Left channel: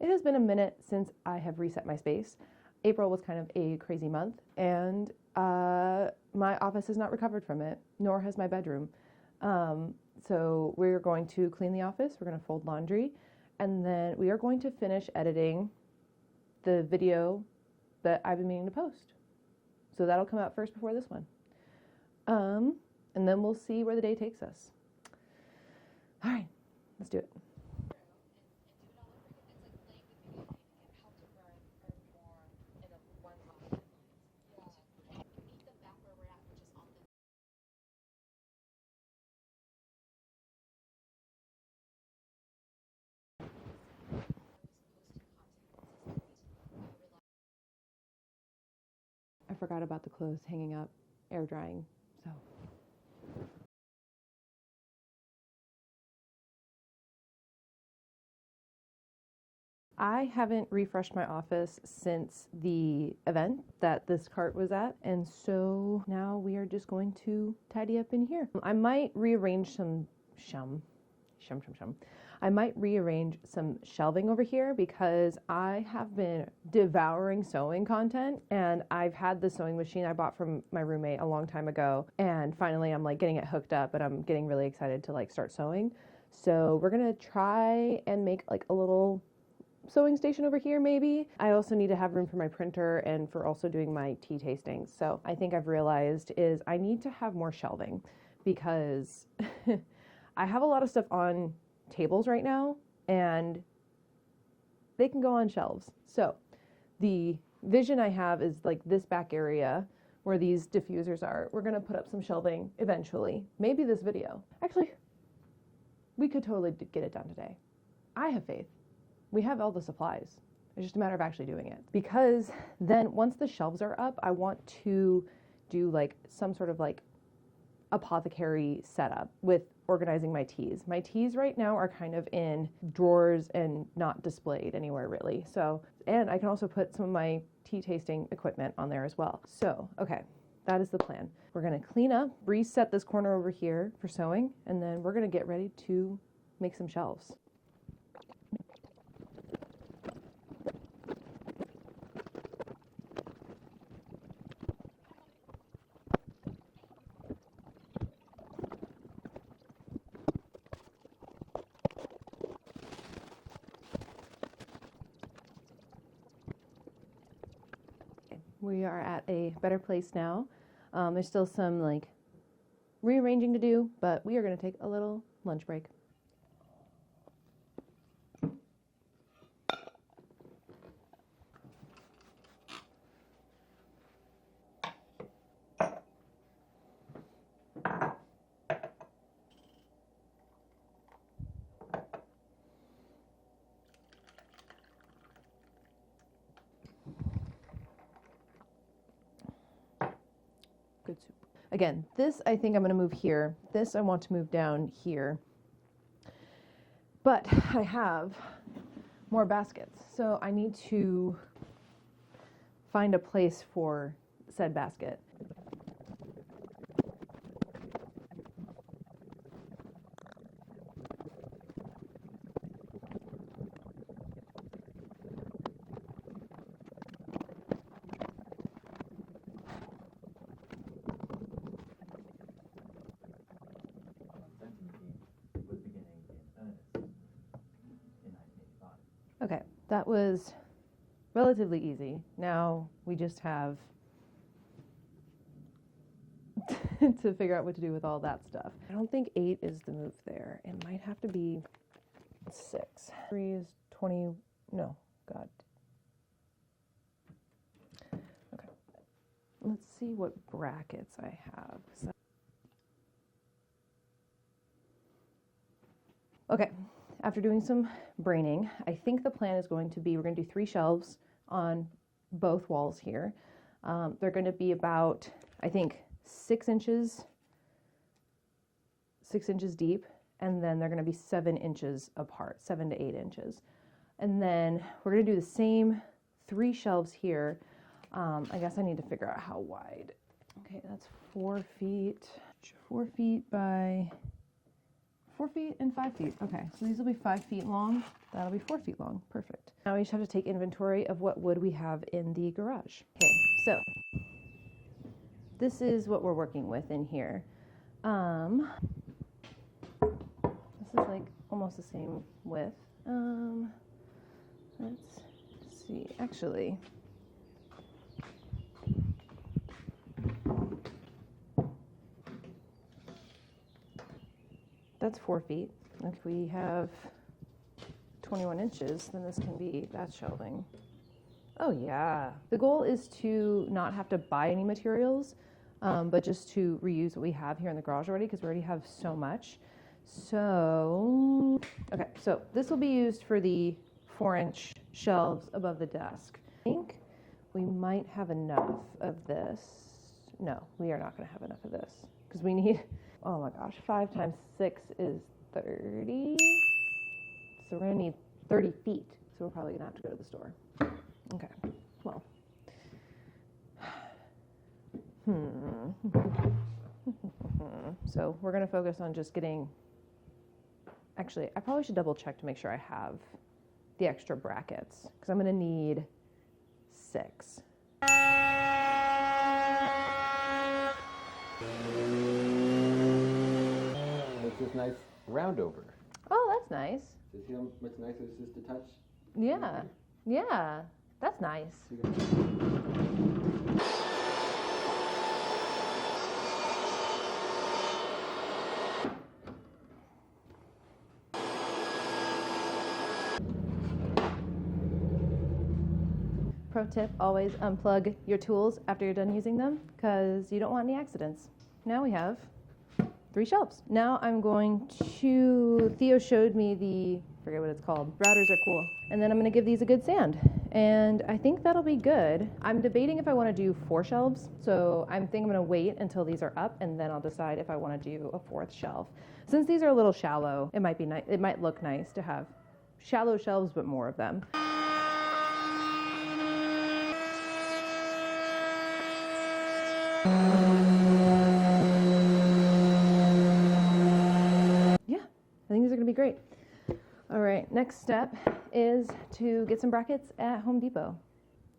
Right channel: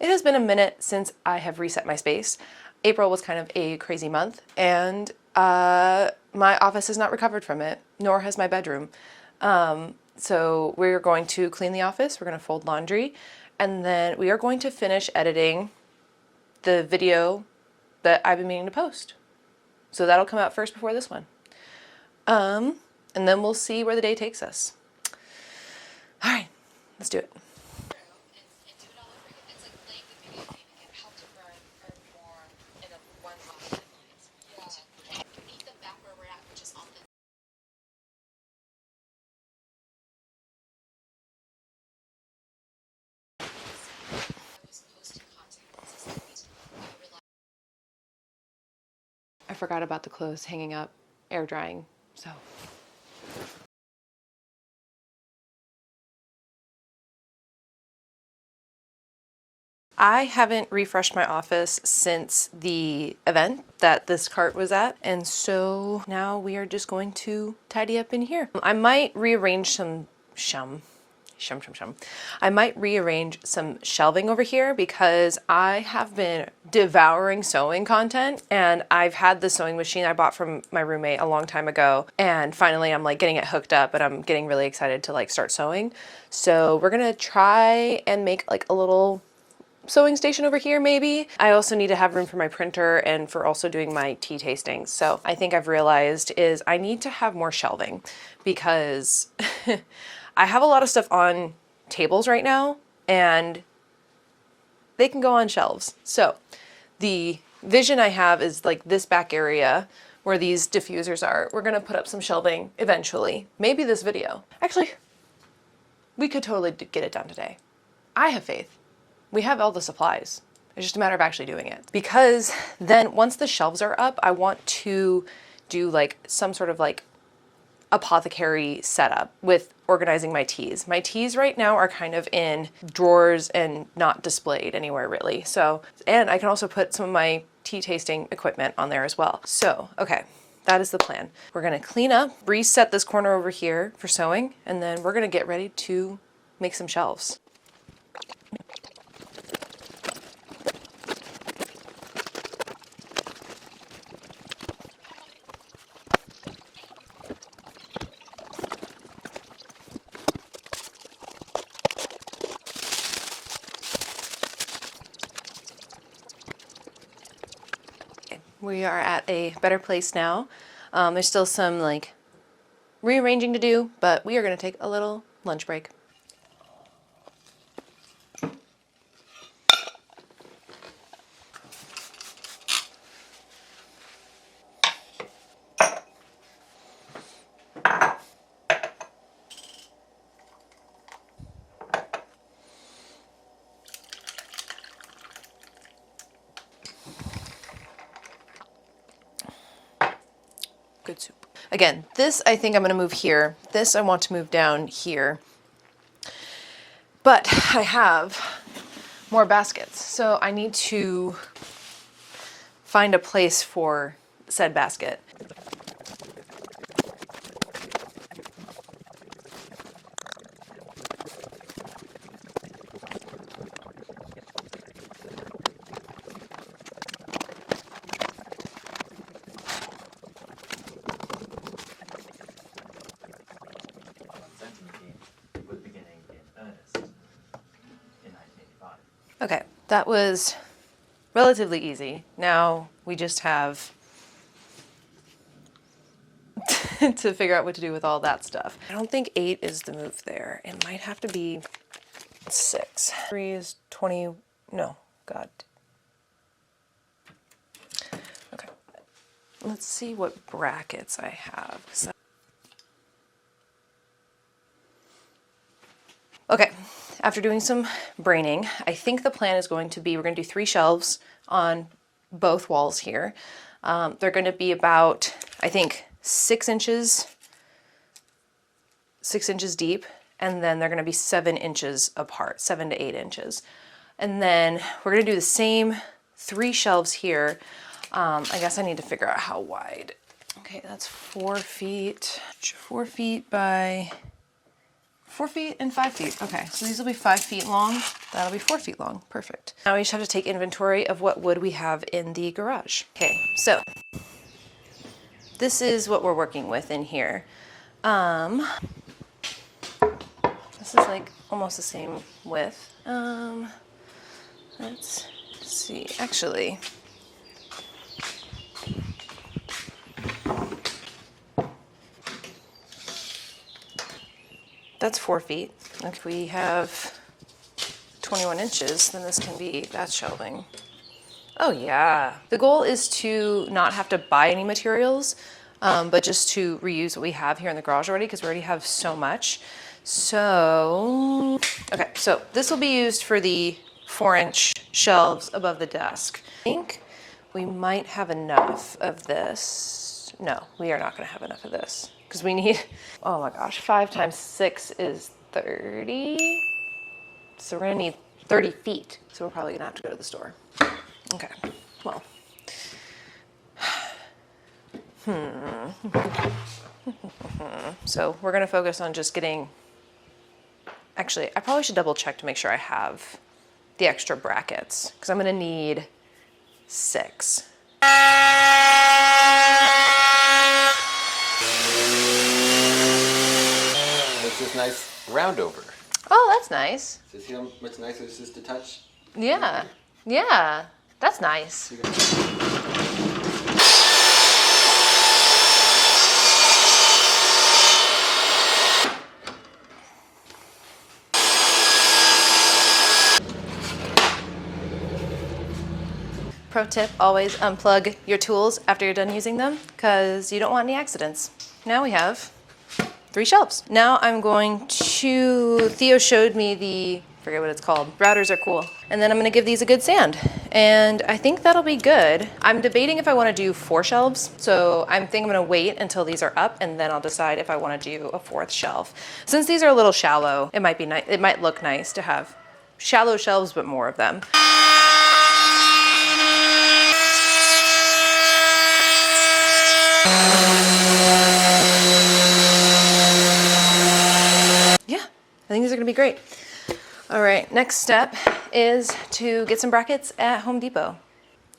It has been a minute since I have reset my space. April was kind of a crazy month, and my office has not recovered from it, nor has my bedroom. So we're going to clean the office, we're going to fold laundry, and then we are going to finish editing the video that I've been meaning to post. So that'll come out first before this one. And then we'll see where the day takes us. All right, let's do it. I forgot about the clothes hanging up, air drying, so. I haven't refreshed my office since the event that this cart was at, and so now we are just going to tidy up in here. I might rearrange I might rearrange some shelving over here because I have been devouring sewing content, and I've had the sewing machine I bought from my roommate a long time ago, and finally I'm like getting it hooked up and I'm getting really excited to like start sewing. So we're gonna try and make like a little sewing station over here maybe. I also need to have room for my printer and for also doing my tea tastings. So I think I've realized is I need to have more shelving because I have a lot of stuff on tables right now and they can go on shelves. So the vision I have is like this back area where these diffusers are. We're gonna put up some shelving eventually. Maybe this video. Actually, we could totally get it done today. I have faith. We have all the supplies. It's just a matter of actually doing it. Because then once the shelves are up, I want to do like some sort of like apothecary setup with organizing my teas. My teas right now are kind of in drawers and not displayed anywhere really. So, and I can also put some of my tea tasting equipment on there as well. So, okay, that is the plan. We're gonna clean up, reset this corner over here for sewing, and then we're gonna get ready to make some shelves. We are at a better place now. There's still some like rearranging to do, but we are going to take a little lunch break. Good soup. Again, this I think I'm going to move here. This I want to move down here. But I have more baskets, so I need to find a place for said basket. Okay, that was relatively easy. Now we just have to figure out what to do with all that stuff. I don't think 8 is the move there. It might have to be 6. 3 is 20, no, God. Okay, let's see what brackets I have. Okay, after doing some braining, I think the plan is going to be, we're gonna do 3 shelves on both walls here. They're gonna be about, I think, 6 inches deep, and then they're gonna be 7 inches apart, 7 to 8 inches. And then we're gonna do the same 3 shelves here. I guess I need to figure out how wide. Okay, that's 4 feet by 4 feet and 5 feet. Okay, so these will be 5 feet long. That'll be 4 feet long. Perfect. Now we just have to take inventory of what wood we have in the garage. Okay, so this is what we're working with in here. This is like almost the same width. Let's see, actually. That's 4 feet. If we have 21 inches, then this can be that shelving. Oh yeah. The goal is to not have to buy any materials, but just to reuse what we have here in the garage already, because we already have so much. So, okay, so this will be used for the 4-inch shelves above the desk. I think we might have enough of this. No, we are not gonna have enough of this because we need, oh my gosh, 5 times 6 is 30. So we're gonna need 30 feet. So we're probably gonna have to go to the store. Okay, well. So we're gonna focus on just getting, actually, I probably should double check to make sure I have the extra brackets because I'm gonna need 6. It's this nice round over. Oh, that's nice. So see how much nicer this is to touch? Yeah, yeah, that's nice. Pro tip, always unplug your tools after you're done using them because you don't want any accidents. Now we have 3 shelves. Now I'm going to, Theo showed me the, forget what it's called, routers are cool. And then I'm gonna give these a good sand. And I think that'll be good. I'm debating if I wanna do 4 shelves. So I think I'm gonna wait until these are up and then I'll decide if I wanna do a 4th shelf. Since these are a little shallow, it might be nice, it might look nice to have shallow shelves, but more of them. Yeah, I think these are gonna be great. All right, next step is to get some brackets at Home Depot.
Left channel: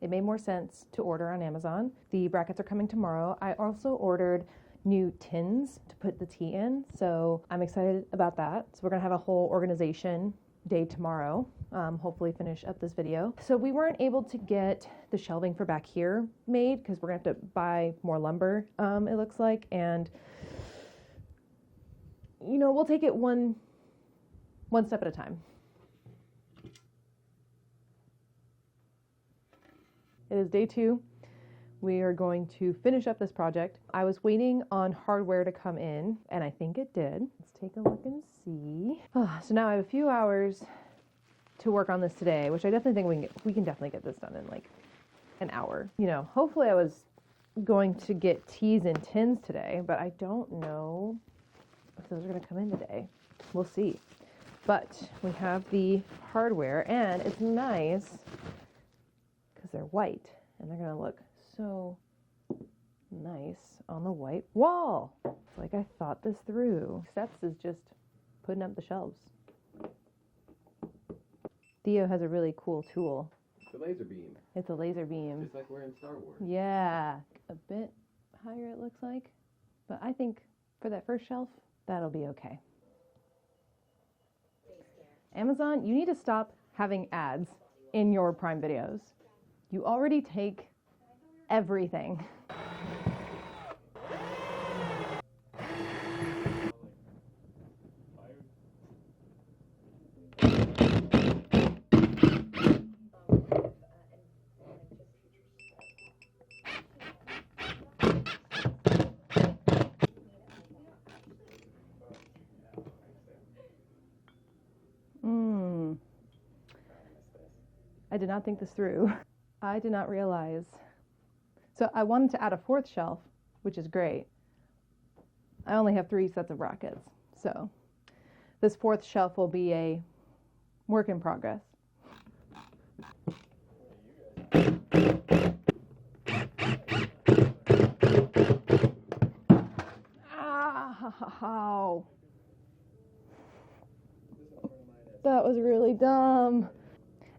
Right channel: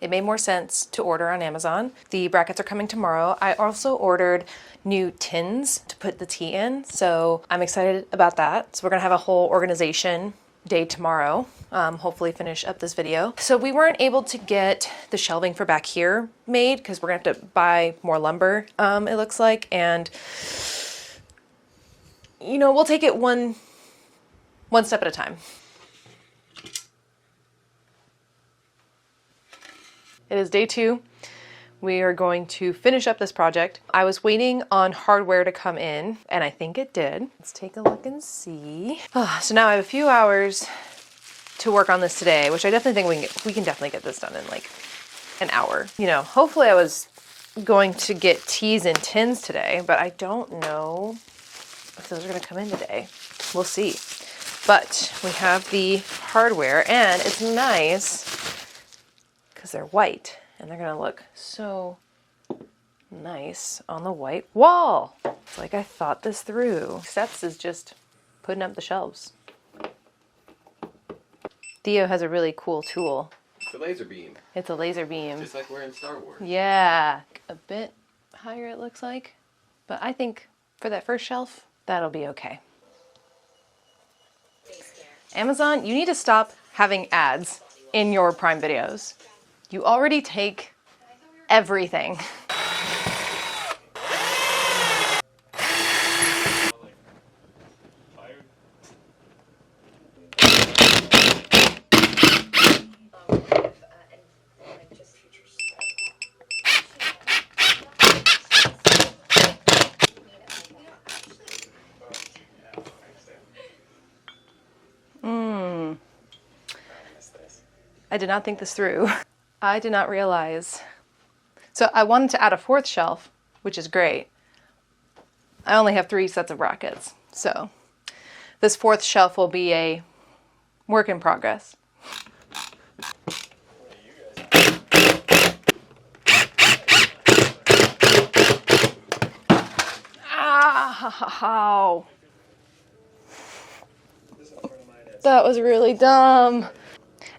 It made more sense to order on Amazon. The brackets are coming tomorrow. I also ordered new tins to put the tea in, so I'm excited about that. So we're gonna have a whole organization day tomorrow. Hopefully finish up this video. So we weren't able to get the shelving for back here made because we're gonna have to buy more lumber, it looks like. And you know, we'll take it one step at a time. It is day 2. We are going to finish up this project. I was waiting on hardware to come in, and I think it did. Let's take a look and see. So now I have a few hours to work on this today, which I definitely think we can definitely get this done in like an hour. You know, hopefully I was going to get teas and tins today, but I don't know if those are gonna come in today. We'll see. But we have the hardware and it's nice because they're white and they're gonna look so nice on the white wall. It's like I thought this through. Steps is just putting up the shelves. Theo has a really cool tool. It's a laser beam. It's a laser beam. Just like we're in Star Wars. Yeah, a bit higher it looks like. But I think for that first shelf, that'll be okay. Amazon, you need to stop having ads in your Prime videos. You already take everything. I did not think this through. I did not realize. So I wanted to add a 4th shelf, which is great. I only have 3 sets of brackets. So this 4th shelf will be a work in progress. Ow. That was really dumb.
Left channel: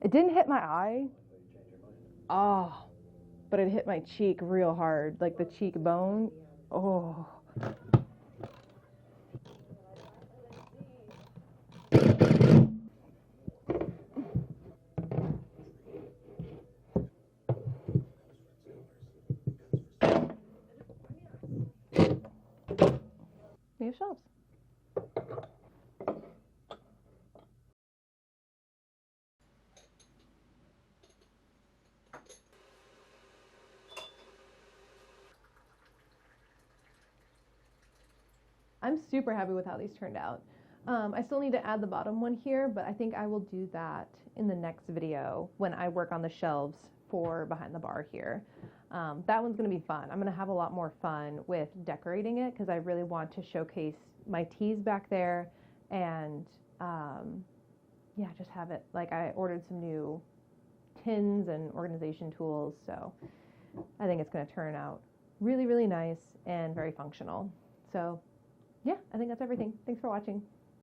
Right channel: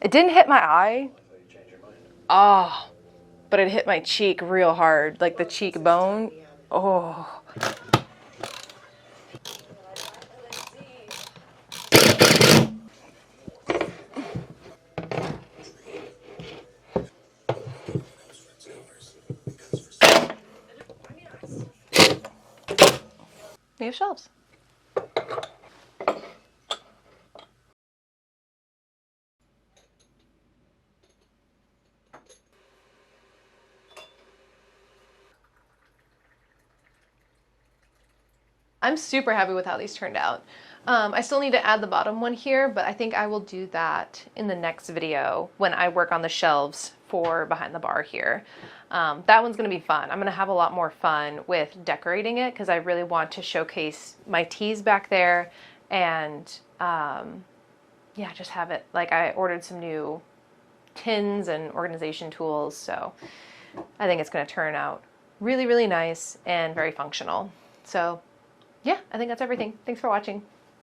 It didn't hit my eye. Oh, but it hit my cheek real hard, like the cheekbone. Oh. We have shelves. I'm super happy with how these turned out. I still need to add the bottom one here, but I think I will do that in the next video when I work on the shelves for behind the bar here. That one's gonna be fun. I'm gonna have a lot more fun with decorating it because I really want to showcase my teas back there and yeah, just have it, like I ordered some new tins and organization tools, so I think it's gonna turn out really, really nice and very functional. So yeah, I think that's everything. Thanks for watching.